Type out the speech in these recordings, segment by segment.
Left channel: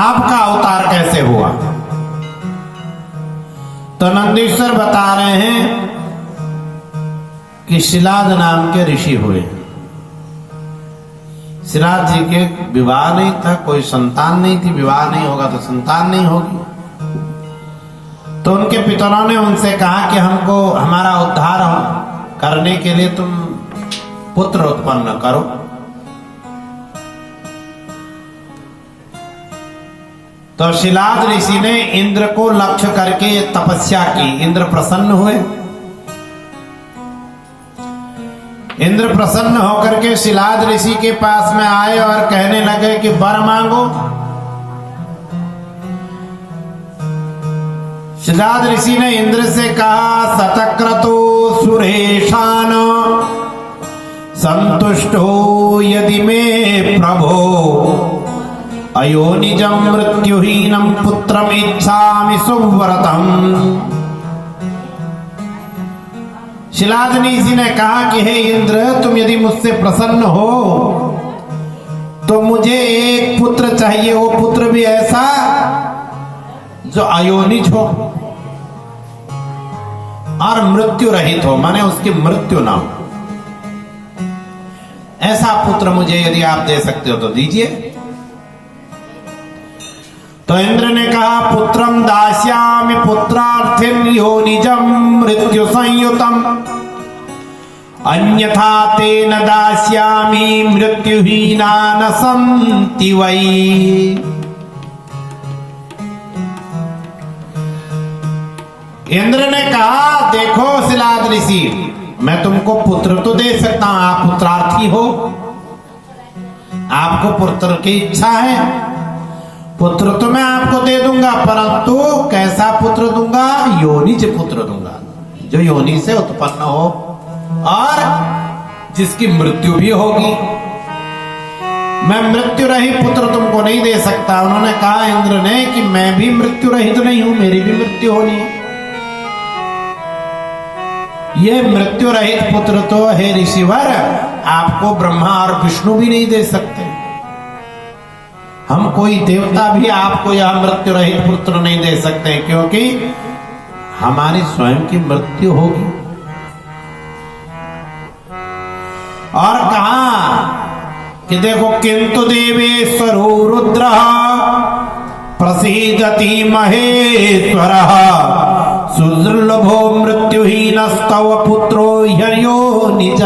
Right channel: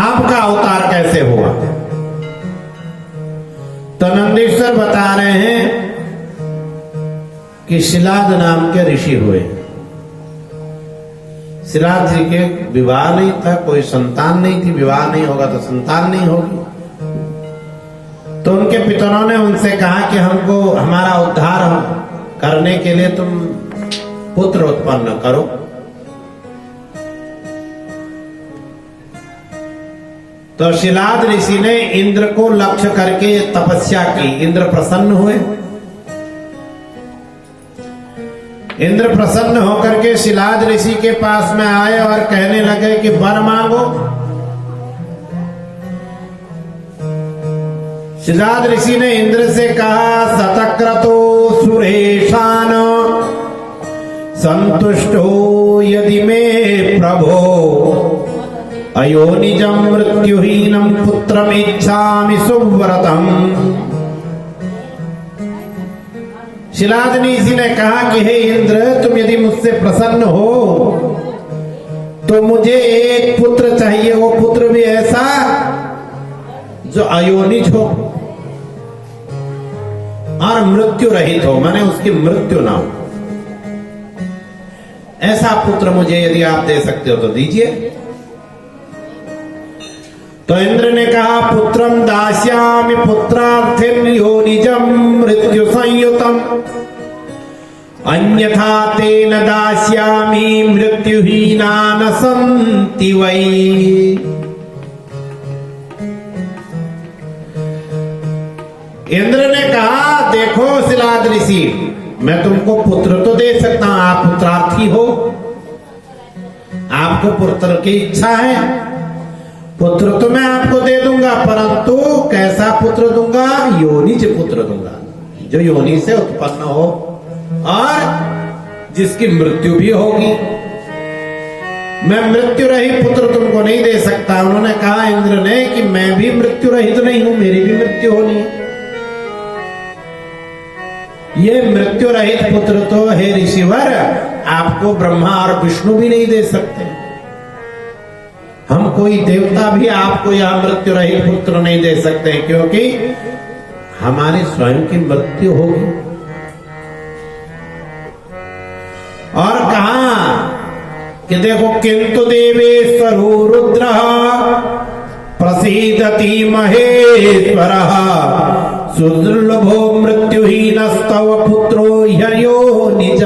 आपका अवतार कैसे हुआ? तो नंदीश्वर बता रहे हैं कि शिलाद नाम के ऋषि हुए। शिलाद जी के विवाह नहीं था, कोई संतान नहीं थी, विवाह नहीं होगा तो संतान नहीं होगी। तो उनके पितरों ने उनसे कहा कि हमको हमारा उद्धार करने के लिए तुम पुत्र उत्पन्न करो। तो शिलाद ऋषि ने इंद्र को लक्ष्य करके तपस्या की। इंद्र प्रसन्न हुए। इंद्र प्रसन्न होकर के शिलाद ऋषि के पास में आए और कहने लगे कि वर मांगो। शिलाद ऋषि ने इंद्र से कहा, सतक्रतो सुरेशान संतुष्टो यदि मे प्रभो अयोनिजं मृत्युहीनं पुत्रम इच्छामि सुव्रतम। शिलाद ऋषि ने कहा कि हे इंद्र, तुम यदि मुझसे प्रसन्न हो तो मुझे एक पुत्र चाहिए। वो पुत्र भी ऐसा जो अयोनिज हो और मृत्यु रहित हो, माने उसकी मृत्यु ना हो। ऐसा पुत्र मुझे यदि आप दे सकते हो तो दीजिए। तो इंद्र ने कहा, पुत्रम दास्यामि पुत्रार्थिं योनिजं मृत्यु संयुतम अन्यथा तेन दास्यामि मृत्युहीना न सन्ति वै। इंद्र ने कहा, देखो शिलाद ऋषि, मैं तुमको पुत्र तो दे सकता हूं, आप पुत्रार्थी हो, आपको पुत्र की इच्छा है, पुत्र तो मैं आपको दे दूंगा, परंतु कैसा पुत्र दूंगा? योनिज पुत्र दूंगा, जो योनि से उत्पन्न हो और जिसकी मृत्यु भी होगी। मैं मृत्यु रहित पुत्र तुमको नहीं दे सकता। उन्होंने कहा इंद्र ने कि मैं भी मृत्यु रहित नहीं हूं, मेरी भी मृत्यु होनी है। ये मृत्यु रहित पुत्र तो हे ऋषिवर आपको ब्रह्मा और विष्णु भी नहीं दे सकते। हम कोई देवता भी आपको यह मृत्यु रहित पुत्र नहीं दे सकते, क्योंकि हमारी स्वयं की मृत्यु होगी। और कहा कि देखो, किंतु देवेश्वरो रुद्र प्रसीदति महेश्वर सुदुर्लभो मृत्युहीनस्तव पुत्रो ह्ययोनिज।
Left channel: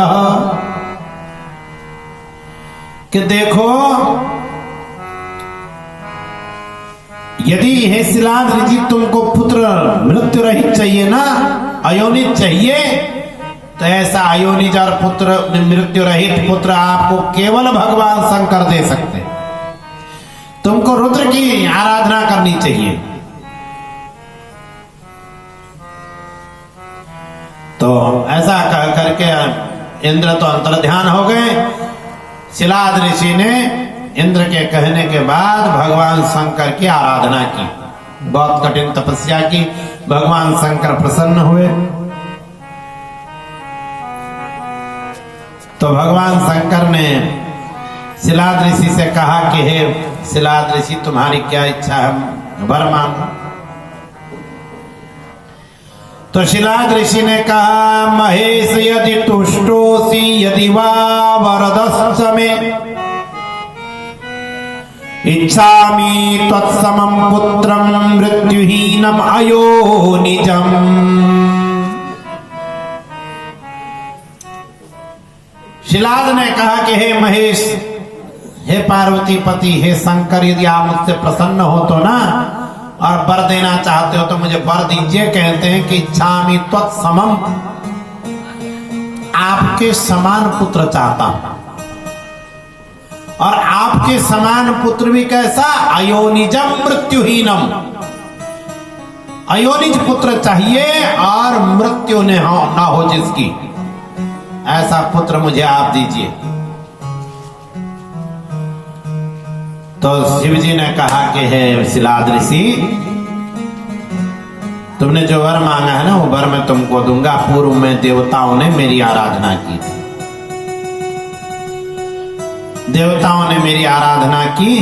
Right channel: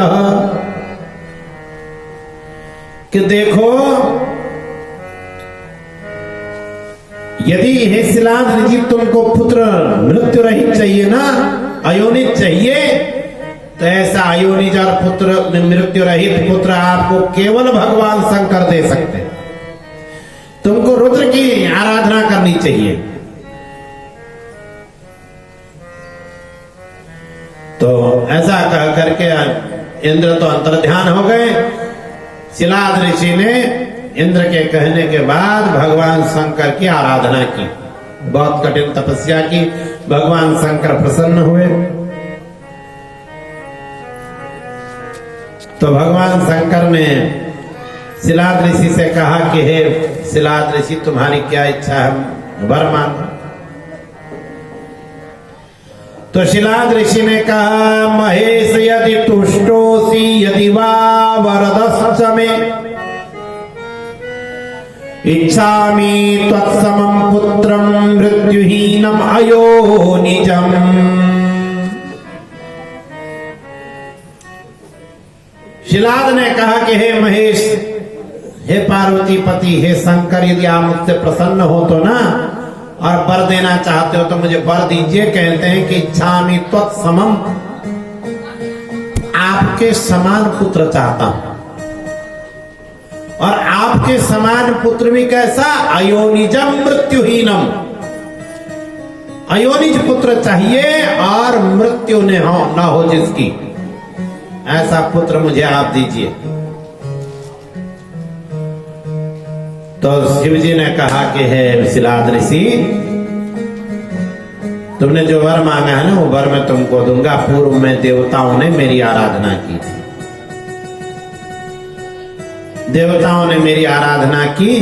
कि देखो, यदि हे शिलाद ऋषि तुमको पुत्र मृत्यु रहित चाहिए ना, अयोनिज चाहिए, तो ऐसा अयोनिज और पुत्र मृत्यु रहित पुत्र आपको केवल भगवान शंकर दे सकते हैं। तुमको रुद्र की आराधना करनी चाहिए। तो ऐसा कह करके इंद्र तो अंतर्ध्यान हो गए। शिलाद ऋषि ने इंद्र के कहने के बाद भगवान शंकर की आराधना की, बहुत कठिन तपस्या की। भगवान शंकर प्रसन्न हुए। तो भगवान शंकर ने शिलाद ऋषि से कहा कि हे शिलाद ऋषि, तुम्हारी क्या इच्छा है, वर मांगो। तो शिलाद ऋषि ने कहा, महेश यदि तुष्टोसी यदि वा वरदस्स मे इच्छामि त्वत्समं पुत्रं मृत्युहीनम् अयोनिजम्। शिलाद ने कहा कि हे महेश, हे पार्वती पति, हे शंकर, यदि आप मुझसे प्रसन्न हो तो ना, और वर देना चाहते हो तो मुझे वर दीजिए। कहते हैं कि इच्छामि त्वत्समं, आपके समान पुत्र चाहता हूं। और आपके समान पुत्र भी कैसा? अयोनिजम मृत्युहीनम, अयोनिज पुत्र चाहिए और मृत्यु न हो जिसकी, ऐसा पुत्र मुझे आप दीजिए। तो शिव जी ने कहा कि हे शिलाद ऋषि, तुमने जो वर मांगा है ना, वो वर मैं तुमको दूंगा। पूर्व में देवताओं ने मेरी आराधना की थी, देवताओं ने मेरी आराधना की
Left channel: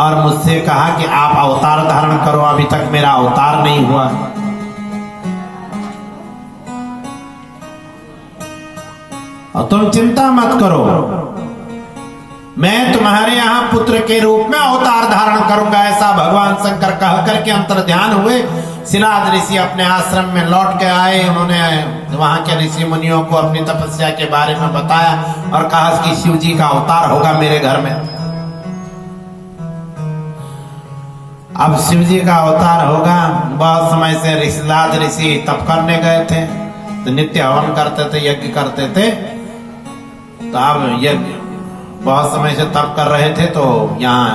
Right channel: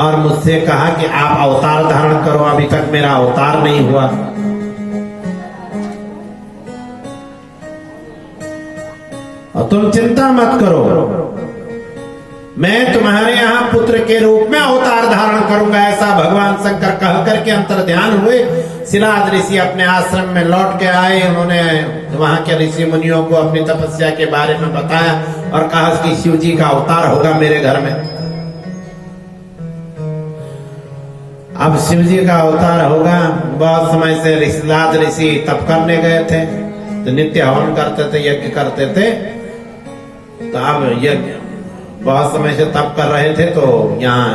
और मुझसे कहा कि आप अवतार धारण करो, अभी तक मेरा अवतार नहीं हुआ। और तुम चिंता मत करो, मैं तुम्हारे यहाँ पुत्र के रूप में अवतार धारण करूंगा। ऐसा भगवान शंकर कह करके अंतर्ध्यान हुए। शिलाद ऋषि अपने आश्रम में लौट के आए। उन्होंने वहां के ऋषि मुनियों को अपनी तपस्या के बारे में बताया और कहा कि शिव जी का अवतार होगा मेरे घर में। अब शिव जी का अवतार होगा। बहुत समय से शिलाद ऋषि तप करने गए थे, तो नित्य हवन करते थे, यज्ञ करते थे। तो अब यज्ञ बहुत समय से तप कर रहे थे, तो यहाँ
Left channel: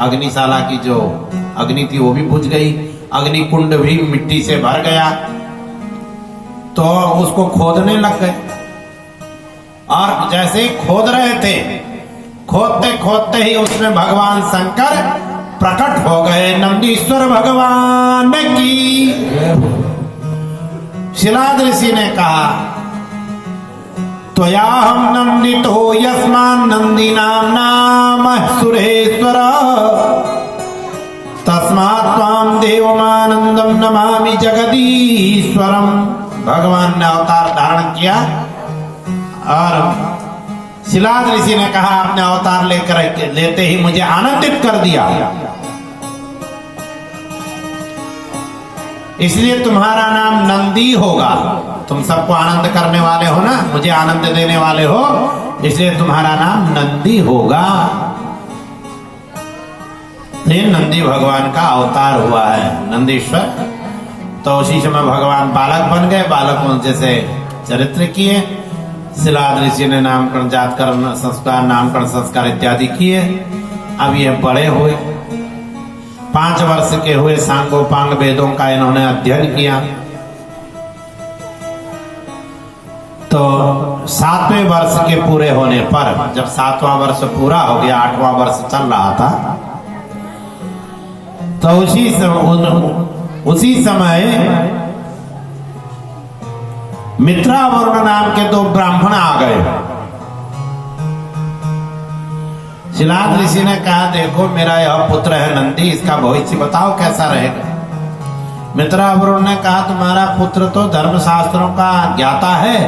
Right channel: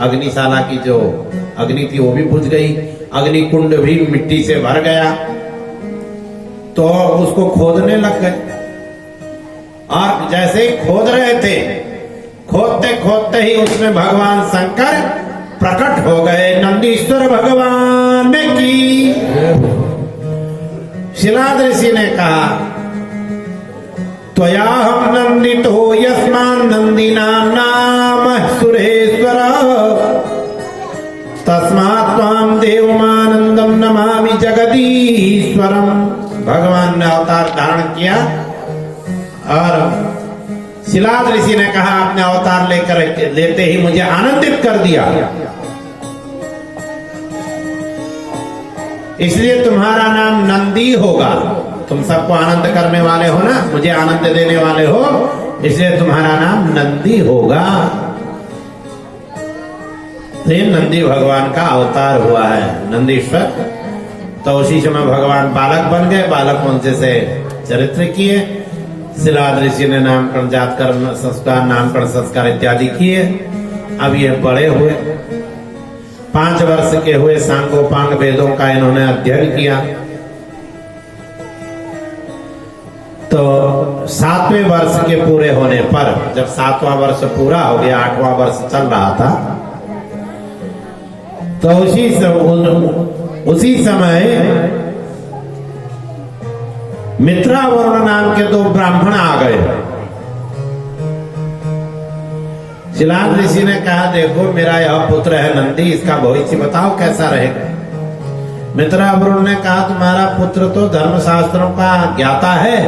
अग्निशाला की जो अग्नि थी वो भी बुझ गई, अग्नि कुंड भी मिट्टी से भर गया। तो उसको खोदने लग गए, और जैसे ही खोद रहे थे, खोदते खोदते ही उसमें भगवान शंकर प्रकट हो गए। नंदीश्वर भगवान की। शिलाद ऋषि ने कहा, त्वयाहं नंदितो यस्मान् नंदीनां नाम सुरेश्वर, तस्मात् त्वां देवमानंदं नमामि जगदीश्वरम। भगवान ने अवतार धारण किया और शिलाद ऋषि ने कहा, आपने अवतार लेते ही मुझे आनंदित कर दिया, इसलिए तुम्हारा नाम नंदी होगा। तुम सबको आनंद करने वाले हो ना, मुझे आनंद देने वाले हो, इसलिए तुम्हारा नाम नंदी होगा। ये नंदी भगवान का अवतार हुआ है, नंदीश्वर। तो उसी समय भगवान बालक बन गए, बालक मंचे से चरित्र किए। शिलाद ऋषि ने नामकरण, जातकर्म संस्कार, नामकरण संस्कार इत्यादि किए। अब ये बड़े हुए, 5 वर्ष के हुए, सांगोपांग वेदों का इन्होंने अध्ययन किया। तो 7वें वर्ष के पूरे होने पर, जब 7वां वर्ष पूरा हो गया, 8वां वर्ष चल रहा था, तो उसी समय मित्रावरुण नाम के 2 ब्राह्मण आ गए। शिलाद ऋषि ने कहा, देखो मेरा यह पुत्र है नंदी, इसका भविष्य बताओ कैसा रहेगा। मित्रावरुण ने कहा, तुम्हारा पुत्र तो धर्मशास्त्रों का ज्ञाता है,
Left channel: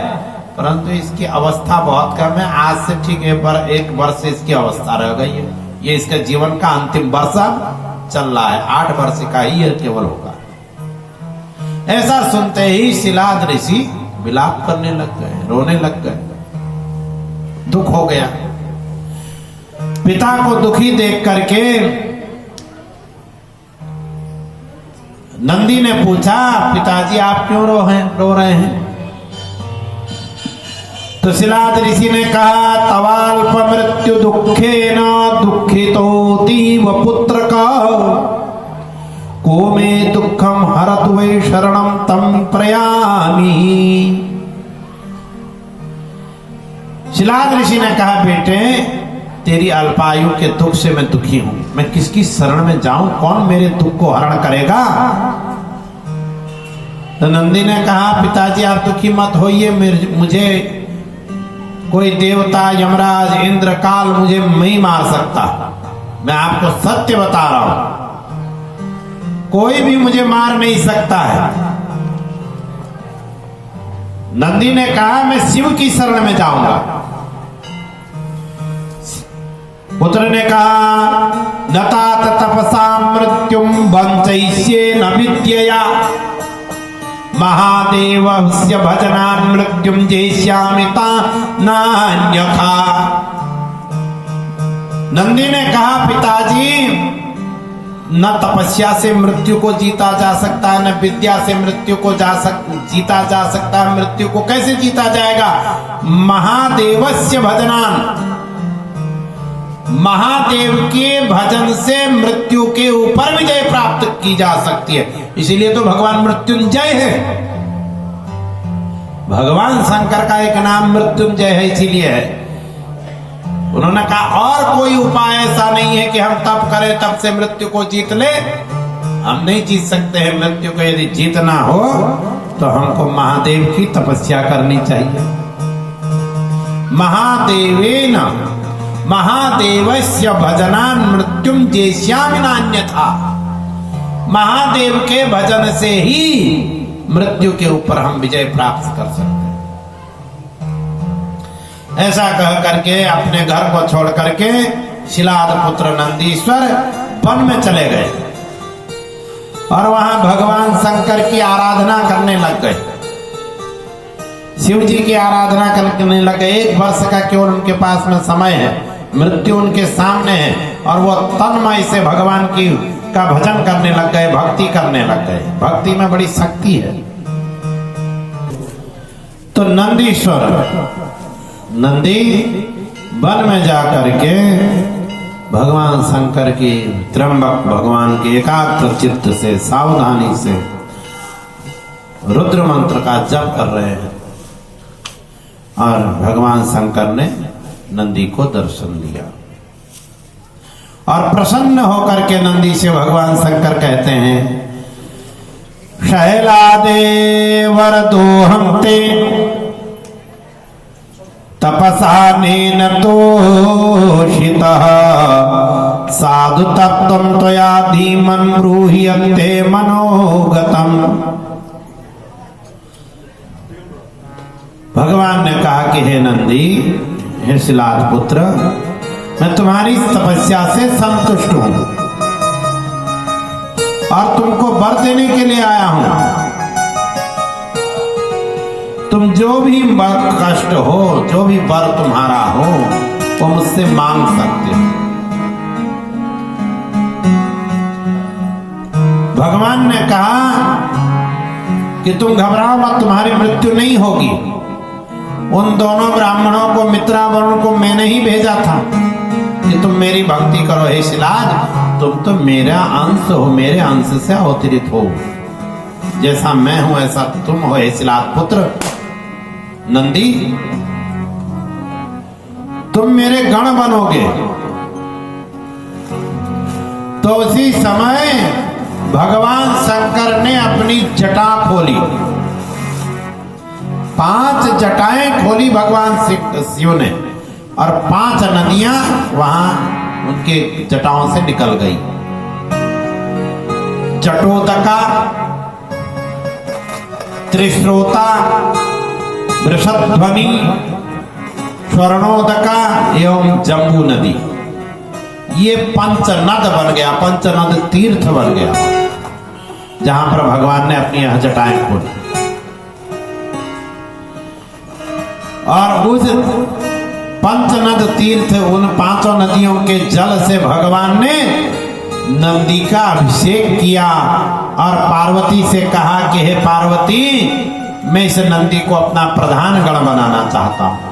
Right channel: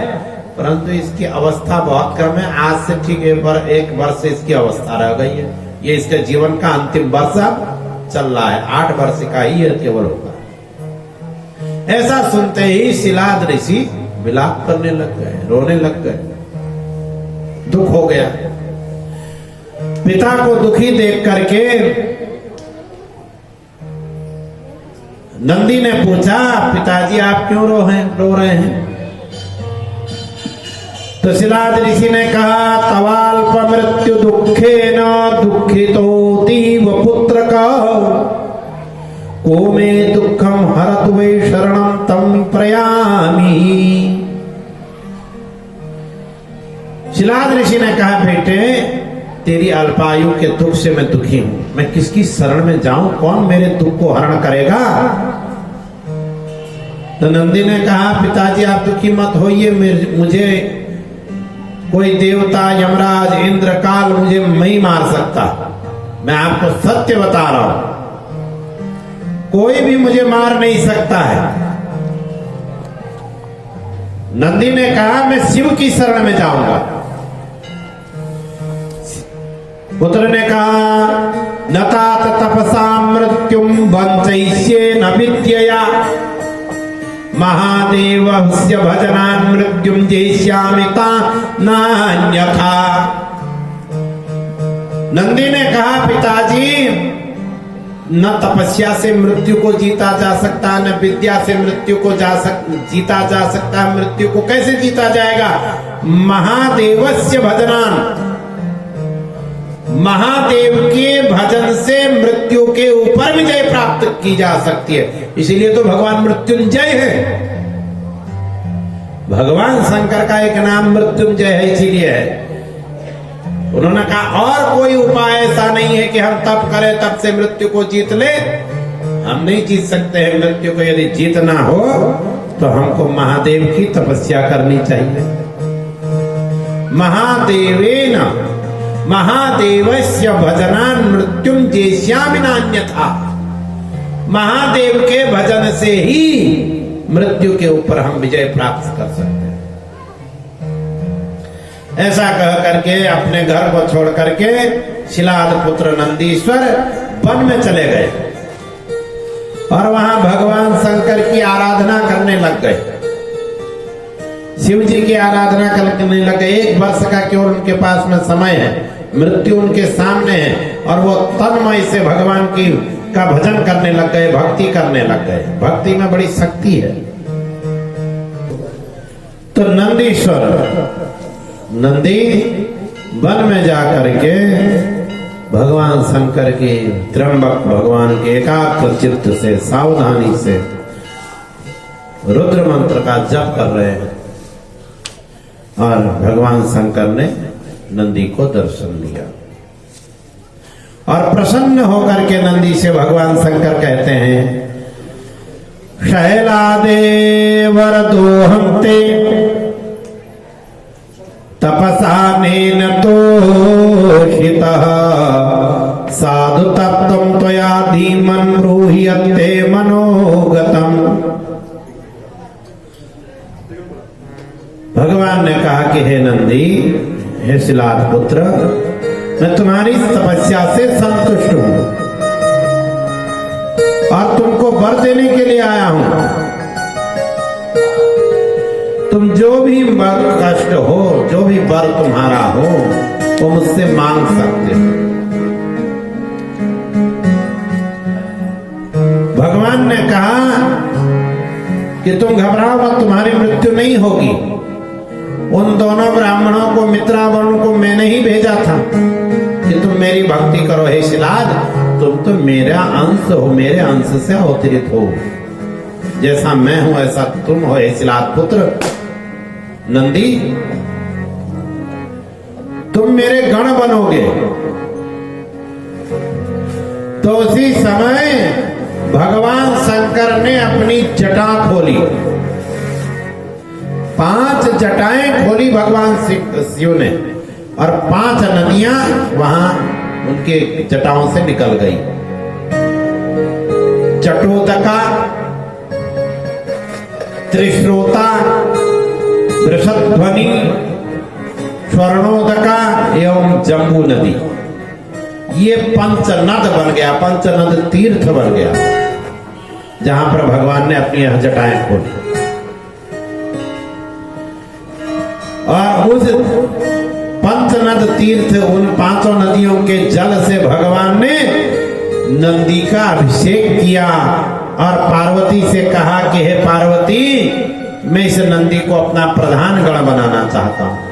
परंतु इसकी अवस्था बहुत कम है। आज से ठीक 1 वर्ष इसकी अवस्था रह गई है। ये इसके जीवन का अंतिम वर्ष अब चल रहा है, 8 वर्ष का ही केवल होगा। ऐसा सुनते ही शिलाद ऋषि विलाप करने लग गए, रोने लग गए, दुख हो गया। पिता को दुखी देख करके नंदी ने पूछा, पिताजी आप क्यों रो रहे हैं? तो शिलाद ऋषि ने कहा, तवाल्प मृत्यु दुखेन दुखितोतीव पुत्र का, को मे दुखम हरत वै शरणम तम प्रयामी। शिलाद ऋषि ने कहा, बेटे तेरी अल्पायु के दुख से मैं दुखी हूं, मैं किसकी शरण में जाऊं, कौन मेरे दुख को हरण करेगा? तो नंदी ने कहा, पिताजी आप दुखी मत होइए, मुझे कोई देवता, यमराज, इंद्र, काल मुझे नहीं मार सकता। मैं आपको सत्य बता रहा हूं, कोई भी मुझे मार नहीं सकता है। नंदी ने कहा, मैं शिव की शरण में जाऊंगा। पुत्र ने कहा, न तात तपसा मृत्युम वंचयिष्ये न विद्यया, महादेवस्य भजनान् मृत्युं जेष्यामि नान्यथा। नंदी ने कहा, पिताजी न तपस्या से मृत्यु को जीता जा सकता, न विद्या से मृत्यु को जीता जा सकता। मृत्यु को कैसे जीता जाएगा? महादेवस्य भजनान्, महादेव के भजन से मृत्यु के ऊपर विजय प्राप्त की जा सकती है। इसीलिए तो भगवान मृत्युंजय है। भगवान शंकर का एक नाम मृत्युंजय है, इसीलिए है। उन्होंने कहा, और कोई उपाय ऐसा नहीं है कि हम तप करें तब से मृत्यु को जीत ले। हम नहीं जीत सकते हैं मृत्यु को। यदि जीतना हो तो हमको महादेव की तपस्या करनी चाहिए। महादेवेन महादेवस्य भजनान मृत्युम जेष्यामि नान्यथा। महादेव के भजन से ही मृत्यु के ऊपर हम विजय प्राप्त कर सकते हैं। ऐसा कह करके अपने घर को छोड़ करके शिलाद पुत्र नंदीश्वर वन में चले गए और वहां भगवान शंकर की आराधना करने लग गए। शिव जी की आराधना करने लग गए। 1 वर्ष का केवल उनके पास में समय है, मृत्यु उनके सामने है और वो तन्मय से भगवान की का भजन करने लग गए, भक्ति करने लग गए। भक्ति में बड़ी शक्ति है। तो नंदीश्वर नंदी वन में जाकर के भगवान शंकर की त्र्यंबक भगवान के एकाग्र चित्त से सावधानी से रुद्र मंत्र का जप कर रहे हैं और भगवान शंकर ने नंदी को दर्शन दिया और प्रसन्न होकर के नंदी से भगवान शंकर कहते हैं, शैलादे वरदोहं ते तपसा नेन तोषितः साधु तत्त्वं त्वया धीमन् ब्रूह्यन्ते मनोगतम्। भगवान ने कहा कि हे नंदी, हे शिलाद पुत्र, मैं तुम्हारी तपस्या से संतुष्ट हूं और तुमको वर देने के लिए आया हूं। तुम जो भी कष्ट हो, जो भी वर तुम्हारा हो, वो मुझसे मांग सकते हो। भगवान ने कहा कि तुम घबराओ मत, तुम्हारी मृत्यु नहीं होगी। उन दोनों ब्राह्मणों को, मित्रावरुण को मैंने ही भेजा था कि तुम मेरी भक्ति करो। हे शिलाद, तुम तो मेरा अंश हो, मेरे अंश से अवतरित हो। जैसा मैं हूं ऐसा तुम हो। हे शिलाद पुत्र नंदी, तुम मेरे गण बनोगे। तो उसी समय भगवान शंकर ने अपनी जटा खोली। 5 जटाएं खोली भगवान शिव ने और 5 नदियां वहां उनके जटाओं से निकल गई। जटोदका, त्रिश्रोता, वृषध्वनि, स्वर्णोदका एवं जम्बू नदी, ये पंचनद बन गया, पंचनद तीर्थ बन गया, जहां पर भगवान ने अपनी यह जटाएं खोली। और उस पंचनद तीर्थ, उन 5 नदियों के जल से भगवान ने नंदी का अभिषेक किया और पार्वती से कहा कि हे पार्वती, मैं इस नंदी को अपना प्रधान गण बनाना चाहता हूं।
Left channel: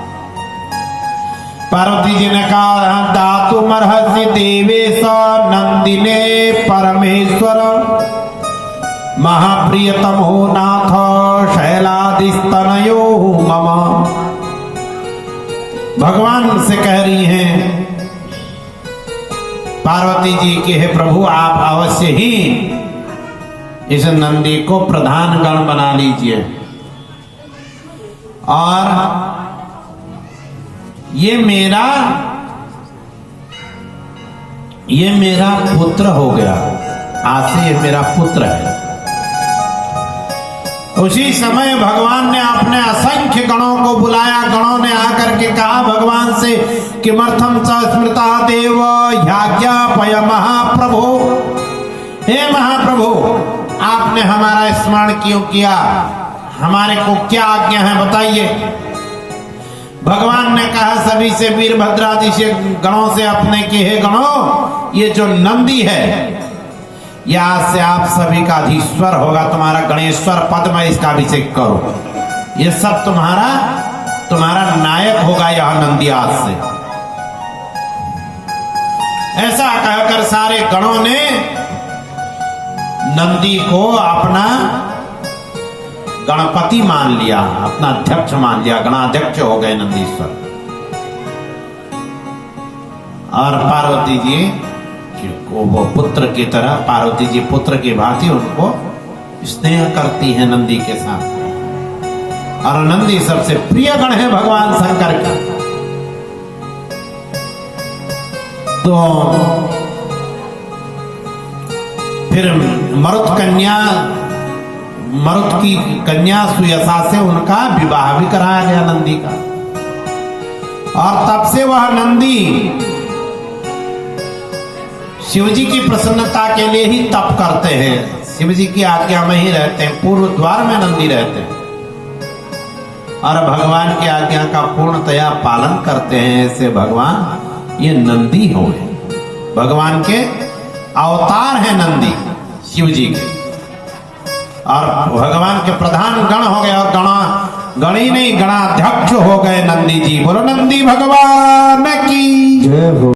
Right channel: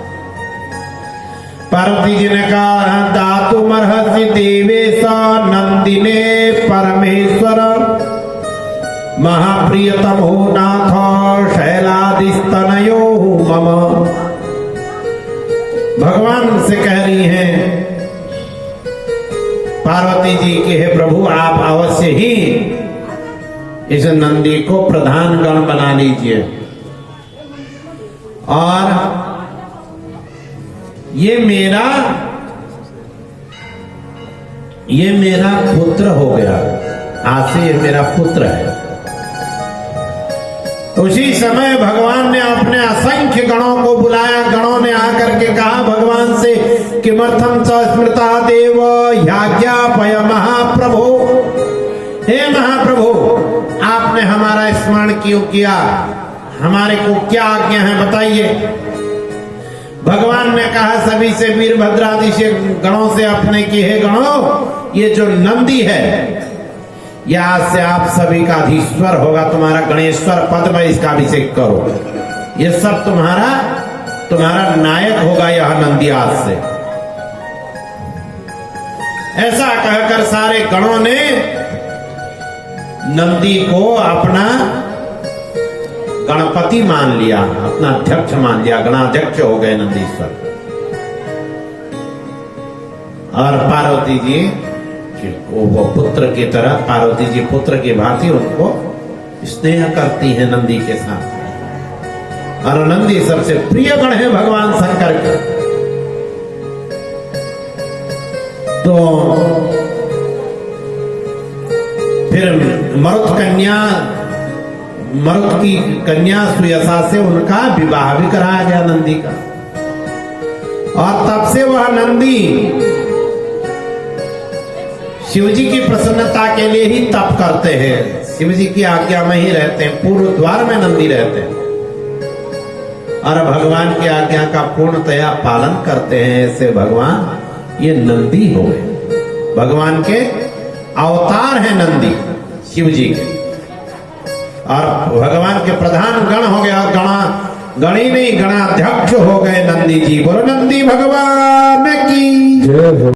पार्वती जी ने कहा, दातुमर्हसि देवेश नंदिने परमेश्वर महाप्रियतमो नाथ शैलादिस्तनयो मम। भगवान से कह रही हैं पार्वती जी कि हे प्रभु, आप अवश्य ही इस नंदी को प्रधान गण बना लीजिए और ये मेरा पुत्र हो गया। आज से ये मेरा पुत्र है। उसी समय भगवान ने अपने असंख्य गणों को बुलाया। गणों ने आकर के कहा भगवान से, किमर्थम च स्मृता देव याज्ञापय महाप्रभु। हे महाप्रभु, आपने हमारा स्मरण क्यों किया? हमारे को क्या आज्ञा है, बताइए। भगवान ने कहा सभी से, वीरभद्रादि से गणों से अपने कि हे गणों, ये जो नंदी है यह आज से आप सभी का अधीश्वर होगा। तुम्हारा गणेश्वर पद में इसका अभिषेक करो। ये सब तुम्हारा नायक होगा यह नंदी आज से। ऐसा कहकर सारे गणों ने नंदी को अपना गणपति मान लिया, अपना अध्यक्ष मान लिया, गणाध्यक्ष हो गए नंदीश्वर। और पार्वती जी वो पुत्र की तरह, पार्वती जी पुत्र की भांति उनको स्नेह करती है नंदी के साथ। और नंदी सबसे प्रिय गण है भगवान शंकर के। तो फिर मरुत की कन्या सुयसा से उनका विवाह भी कराया गया नंदी का। और तब से वह नंदी शिवजी की प्रसन्नता के लिए ही तप करते हैं, शिवजी की आज्ञा में ही रहते हैं, पूर्व द्वार में नंदी रहते हैं और भगवान की आज्ञा का पूर्णतया पालन करते हैं। ऐसे भगवान ये नंदी हो गए, भगवान के अवतार हैं नंदी शिवजी के। और भगवान के प्रधान गण हो गए और गणी नहीं गणाध्यक्ष हो गए नंदी जी। बोलो नंदी भगवान की जय हो।